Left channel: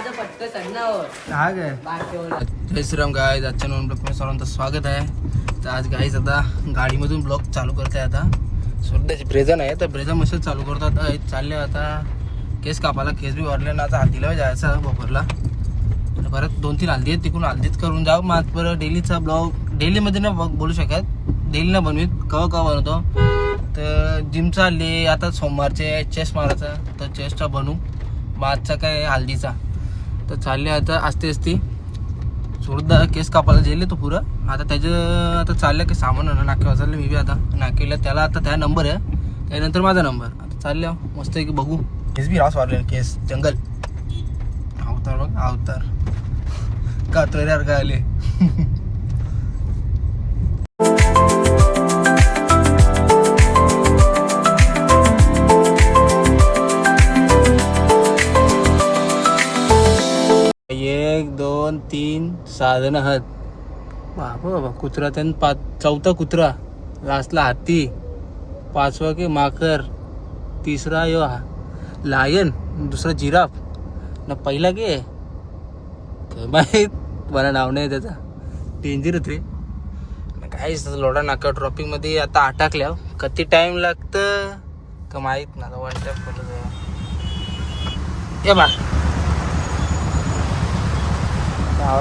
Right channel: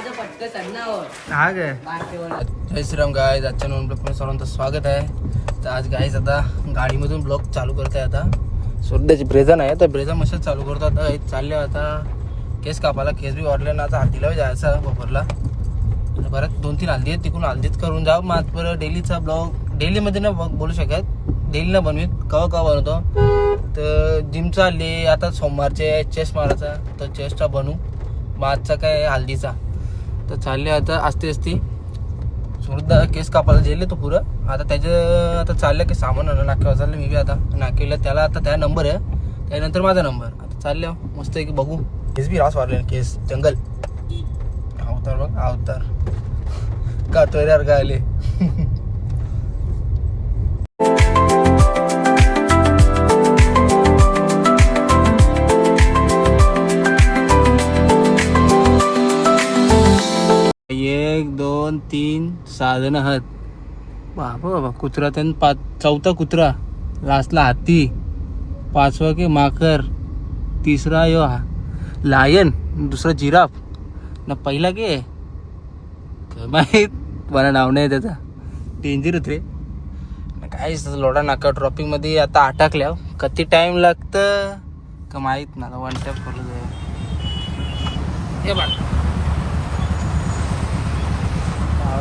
हा काय जय श्रीराम गाईज. आजच्या नवीन ब्लॉग सर्वांचं स्वागत आहे. तर आज गाईज आता गाडीमधून ब्लॉग चालू करत आहे. आता सध्याची ब्रेझा नाही तर ब्रेझा मशीन चालू करतो. आता चालले आता केस कापायला. केस बी वाढले ना. आता हल्दीला जायचं बपोरला. परत 2-3 हल्दी आहेत तिकडून हल्दीच करून जाऊ. मग परत डेलीचा ब्लॉग डेलीमध्ये ना बोलू शकत. डेली ना बनवीत कवा बनवतो. तर जिम चालली आता सोमवारचे चेस्ट मारायचा. तर चेस्टचा बनवू. मग आजचा काय हल्दीचा. तर चालले आता असते सुरदा केस कापायला जेले तो पुरं. आता त्याचं आता चाललं की सामान नाक्यावर चाललं. मी बी आता नाक्याला त्याला आता त्या नंबर आहे. त्यानंतर माझा नंबर. आता चालले मस्त की बघू. केस बी रास वाढले. केस जंगल अवतार बघ अवतार कातोय यार काय आले. एक 2 3 6 जण आहेत. बाबा कुत्रा त्यानं चौथा कुत्रा. लास्टला हाती. 5वा की माकर. 3रा यो लायन. 2रा जिराफ. ना पहिला की माहीत मला नाव नाही त्याचा. डेंजर रे काय लोढा नाका ट्रॉपिक मध्ये आता अटकल्या. किती टाइम लागतं का माहीत ना. 1 टॅप करू बा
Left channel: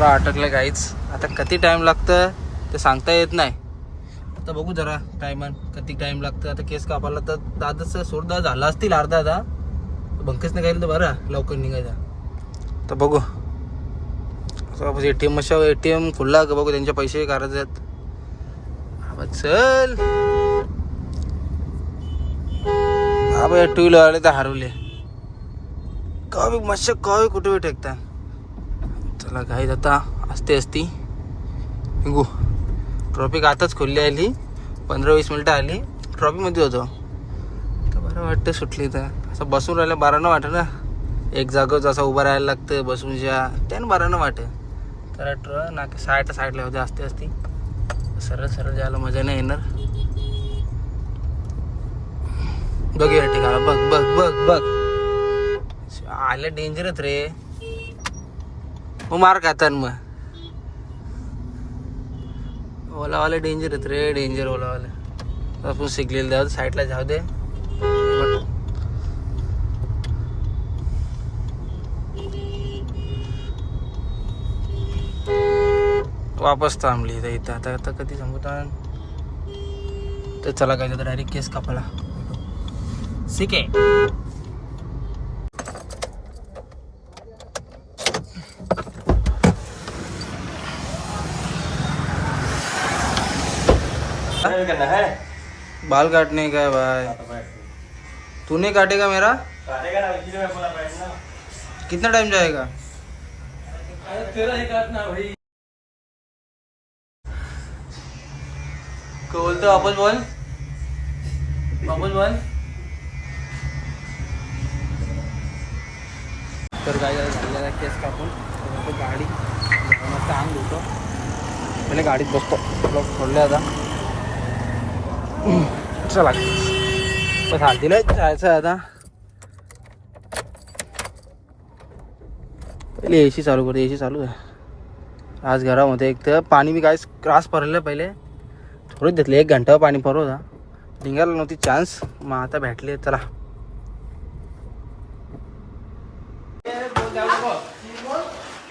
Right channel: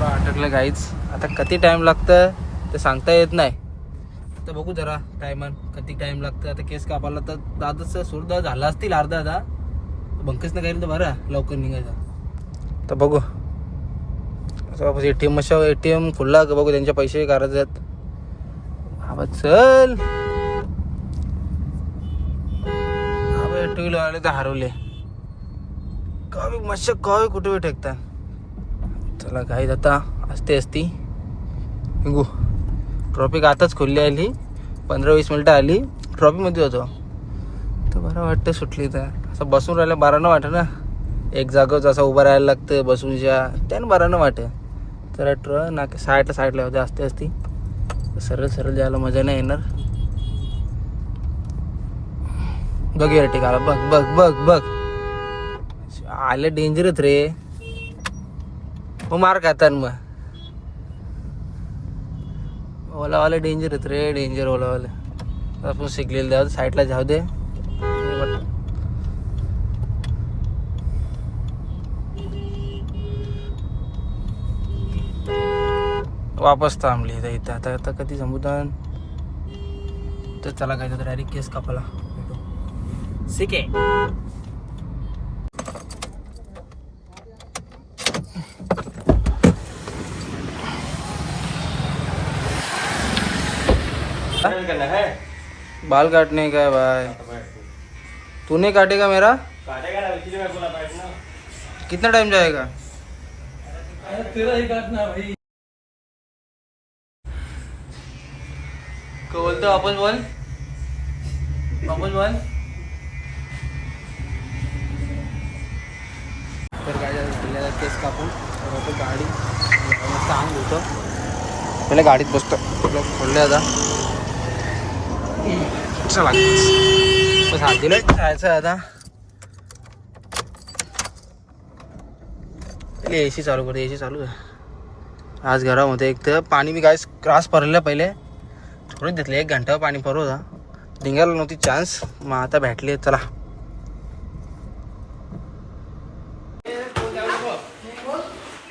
अटकलं गाईच. आता किती टाइम लागतं ते सांगता येत नाही. आता बघू जरा टायमान किती टाइम लागतं. आता केस कापायला तर दादाचा सोडदा झाला असतील अर्धा. आता बंकच नाही गेलं तर बरं लवकर निघायचा. तर बघू असं ATM मशा ATM खुल्ला का बघू. त्यांचे पैसे करायचे आहेत. हा चल हा भाई 2 व्हीलर आले तर हरवले. कवी मशा कवी कुठे बी टेकता. चला गाईज आता असती निघू. ट्रॉफिक आताच खोलली आली. 15-20 मिनटं आली. ट्रॉफिकमध्ये होतो तर बरं वाटतं सुटली. तर असं बसून राहिलं बरं न वाटतं ना. एक जागेवर असं उभं राहायला लागतं बसूनच्या त्यानं बरं न वाटतं. तर ट्रक ना साईडला होते असती सरळ जायला मजा नाही येणार. बघ या ठिकाला बघ आले डेंजरच रे. मग मार खातात. मग ओलावाले डेंजर आहेत रे. डेंजर ओलावाले. आपण शिकलेलं द्यावं साईडला जाऊ दे. वापस थांबली इथं. आता कधी थांबवतात. तर चला काय तर डायरेक्ट केस कापायला ठीक आहे. बाल काटने का है भाई. तूने काटेगा मेरा. कितना टाइम जाएगा. क्या बोलते वापस बोल. तर काय झालेला केस कापून तर गाडी मस्त अंग होतं. पहिले गाडीत बसतो. ब्लॉक सोडले आता. चला बस हात दिलाय जायचं आता. पहिले AC चालू करते. AC चालू आहे आज घरामध्ये. एक तर पाणी बी काय क्रास भरलं. पहिले थोडं घेतलं 1 घंटा पाणी भरव होता. निघायला नव्हती चान्स. मग आता भेटले. चला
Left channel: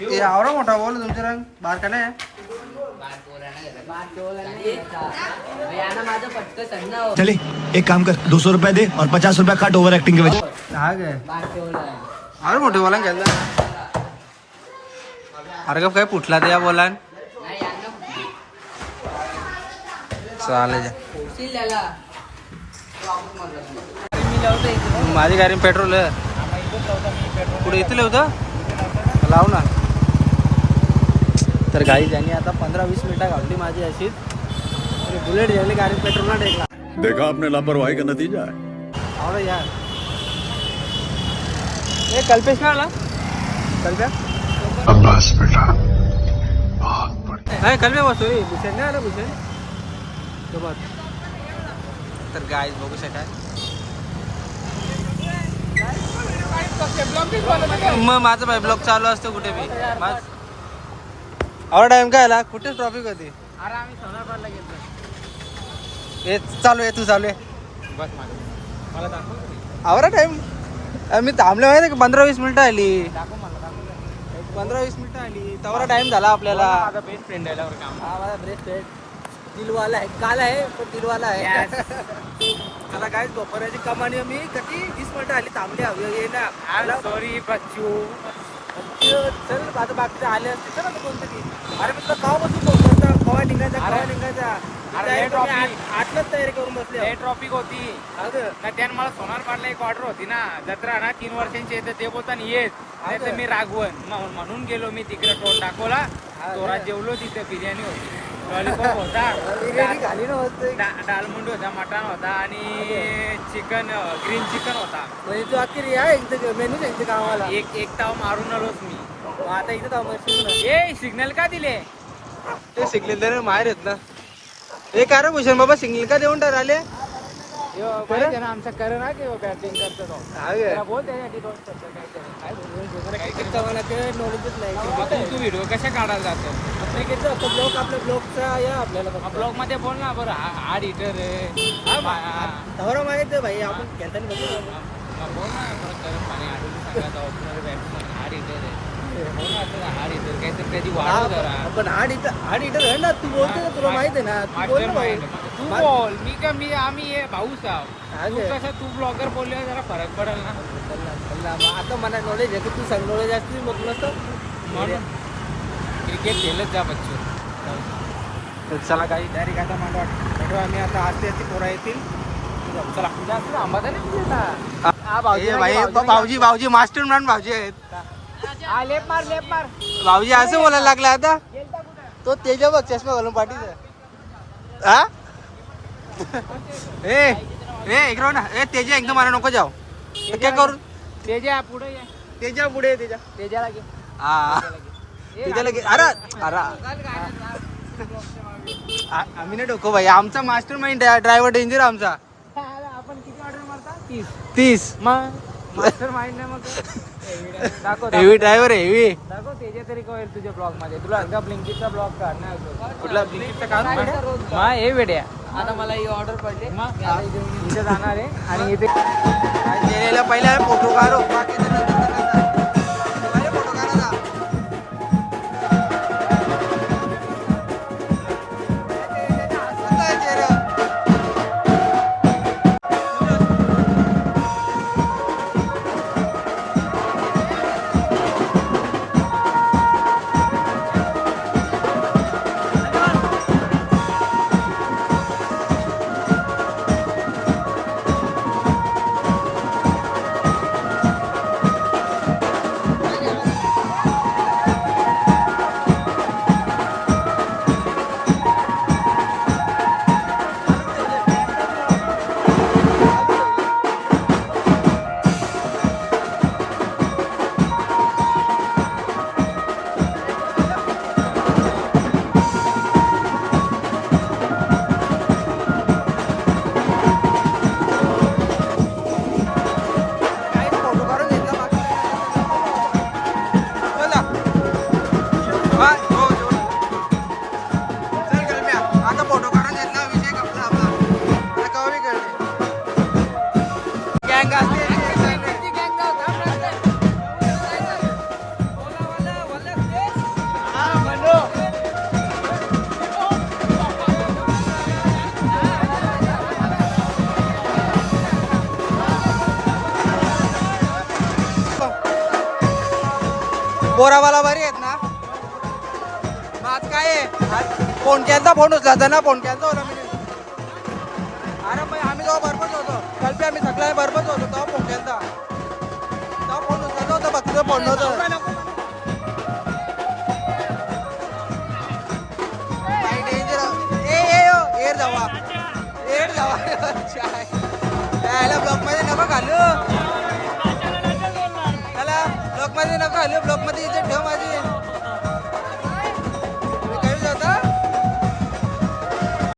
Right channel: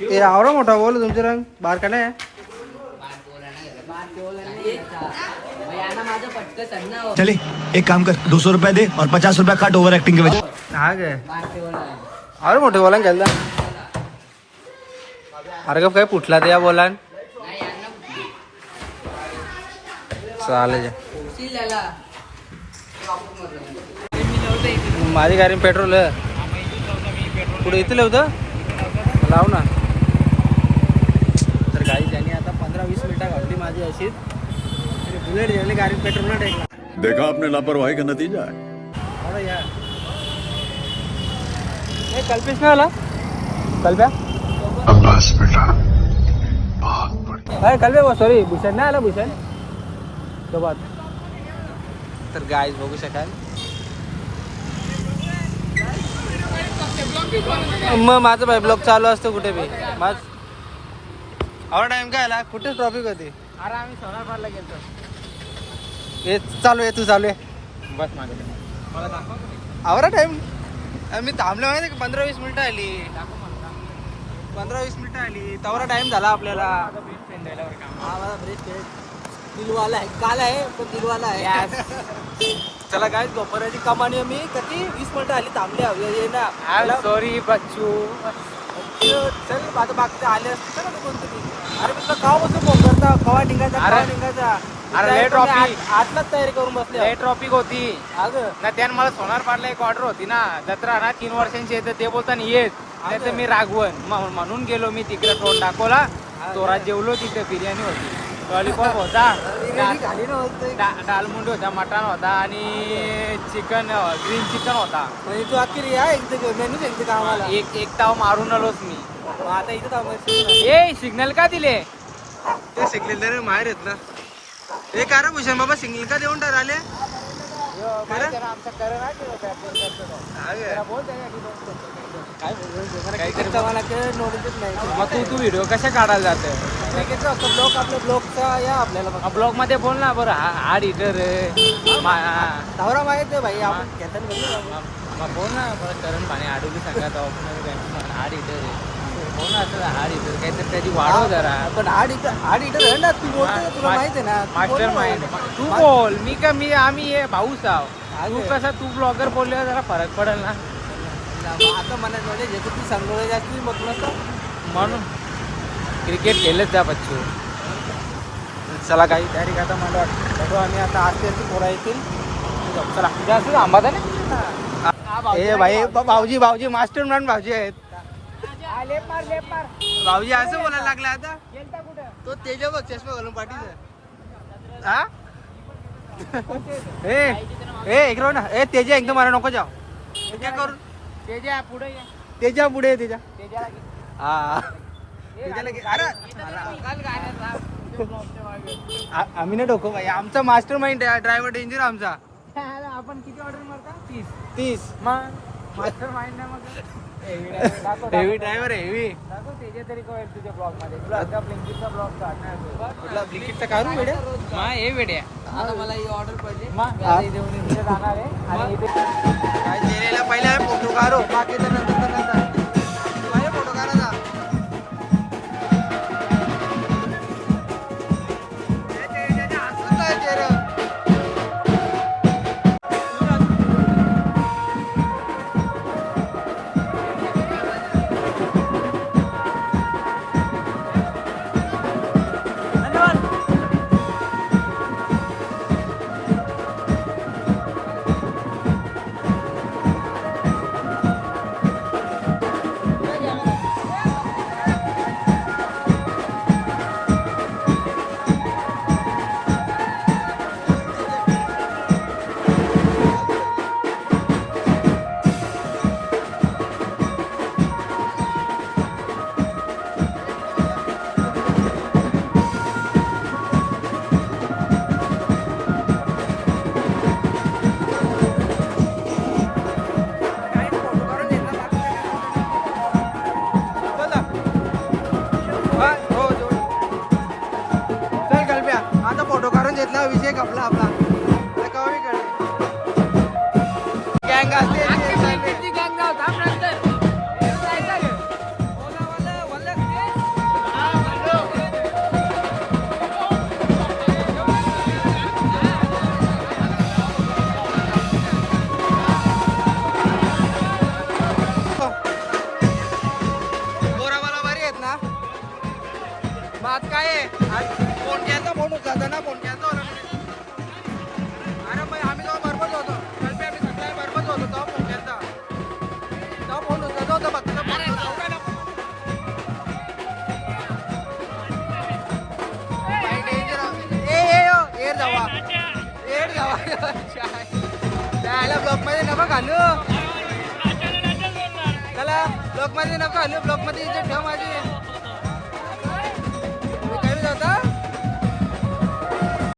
ए आवरा मोठा बोल. तुमचे रंग बाहेर का नाही. चले एक काम कर 200 रुपया दे और 50 रुपया काट ओवर एक्टिंग के वजह. हा काय अरे मोठे बोला गेला. अरे का काय फुटला ते या बोला. चालेल माझी गाडी पेट्रोल पुढे इथलं होतं लाव ना. तर गाडी त्यांनी आता 15-20 मिनिटं घातली माझी अशीच. बुलेट घ्यायला गाडी पेट्रोल ना टेकला. देखा आपने लापरवाही का नतीजा है. आवडं यार कल्पेश नाही आला. कल्प्या बस बेटा बहुत बढ़िया. कल्प्या सॉरी भूषण नाही आला. भूषण सोबत. तर गाईज बघू शकाल मग माझा भाई ब्लॉग चालू असतो कुठे बी आवडा टाइम काय आला कुठे ट्रॉफिक होती हे चालू आहे तू चालू आहे आवडा टाइम मी थांबले माहिती का 15-20 मिनिटं आली 15-20 मिनिटं आली तेवढा टाइम झाला आपल्याला बेस्ट फ्रेंड आहे हा माझा बेस्ट फ्रेंड दिलवाला आहे काल आहे पण दिलवाला आहे चला काय दुपाराची कमानी मी किती 20 मिनिटं आली थांबले ये ना सॉरी बच्चू चल आता बाकीचे आले असते चला ना कोणतरी अरे मी तुला केव्हापासून फोन करता केव्हा निघायचा आठलाच तयारी करून बसले ट्रॉफिक होती अगं ना त्यानं मला सोनार पाडला एक ऑर्डर होती ना जत्रा ना 3 वर्षांची येते ते बोलताना येत नाही तर मी रागवण म्हणून गेलो मी तिकडे तोंड दाखवला जोरात जेवलो तिथं बिर्याणी होती लॉलीपॉप होता बिर्याणी खाली नव्हतं डालमुंड होता मटण होता आणि चिकन ग्रीन चिकन होता म्हणजे तू अखेर या एकदा मेनू सांगते का आम्हाला एक ताव मारून आलोच मी आता इथं थांबायचं ए सिग्नल का दिले ते सिग्नल त्याने माहेर येत ना हे का रे भूषण बाबा सिग्नल का देऊन टाकले क्रिकेटचं नॉलेजच नाही तू व्हिडिओ कशा काढायला जातो क्रिकेटचा ब्लॉग आपल्या ब्लॉगचा या आपल्याला ब्लॉग मध्ये बोल ना बरं हा एडिटर धावरा माहित आहे भाई आपण घेताना बघितलं बोल ना बरं करून म्हणे आडवी सांगा हा एडिटर हो ना असं हा एडिटर काहीतरी त्याची वाढव जरा पण आठ इटर आहे ना तू बोलतो ना तुला माहित आहे ना तू बोल ना भाऊ. तू बोल आम्ही हे भाऊच आहो कसं तू ब्लॉगर बोलल्यावर जरा फरक पडेल ना आता मला नॉलेज आहे की तू सांग नॉलेज असते मग नसतं म्हणून क्रिकेट खेळत जा बच्चू चला काही तयारी करता मला वाटतं आम्ही आता आजची पोरा येतील चला जास्त आंबा ना हे भाई भाऊजी मास्टर प्लॅन भाऊजी आहेत भाऊजी असं बोलायला लागला आता तो तेजा बघ चष्मा घालून पाठीचा हा ए इकडं ना ए तेजा एकदम मला नको जाऊ काय करू तेजा पुढे तेजा पुढे तेजाला घे हा तेजाला अरे आम्ही नाही डोको भाई आमचा मास्टर माइंड आहे ड्रायव्हर डेंजर आमचा आपण किती ऑर्डर मारता 30 मग मास्टर माइंड नाही मग हेवी ड्रायव्हर आहे हेवी दाखव तेजा तरी कळेल तुझ्या ब्लॉग मध्ये तुला आता ब्लिंकिटचा ब्लॉग काढणार कुठला ब्लिंकिटचा काढू बेड्या मा हे वेड्या आता मला ही ऑर्डर पडली इथे जाणार आहे आणि इथे काय केलेला पहिला फोटो काढो बाकीचा नंतर माझे फोटो काढा ना हसून नाही चेहरा आता फोटो काढून घेतला विषय कपला आपला आता कमी कळले गँग असते बोरावाला बरी आहेत ना मग आज काय आहे आज फोनक्यांचा फोन उचलायचा ना फोनक्यांचा होता अरे मग आम्ही तेव्हा बरोबरच होतो कल्पी आम्ही सगळ्या बरोबरच होतो तेव्हा फोनक्यांचा तेव्हा फोन उचलायचा होता फक्त फोन नव्हतं एअर जावा त्याला ब्लॉक मध्ये नका घालू त्याला ब्लॉक मध्ये नका घालू ब्लॉक मध्ये इज्जत ठेव माझी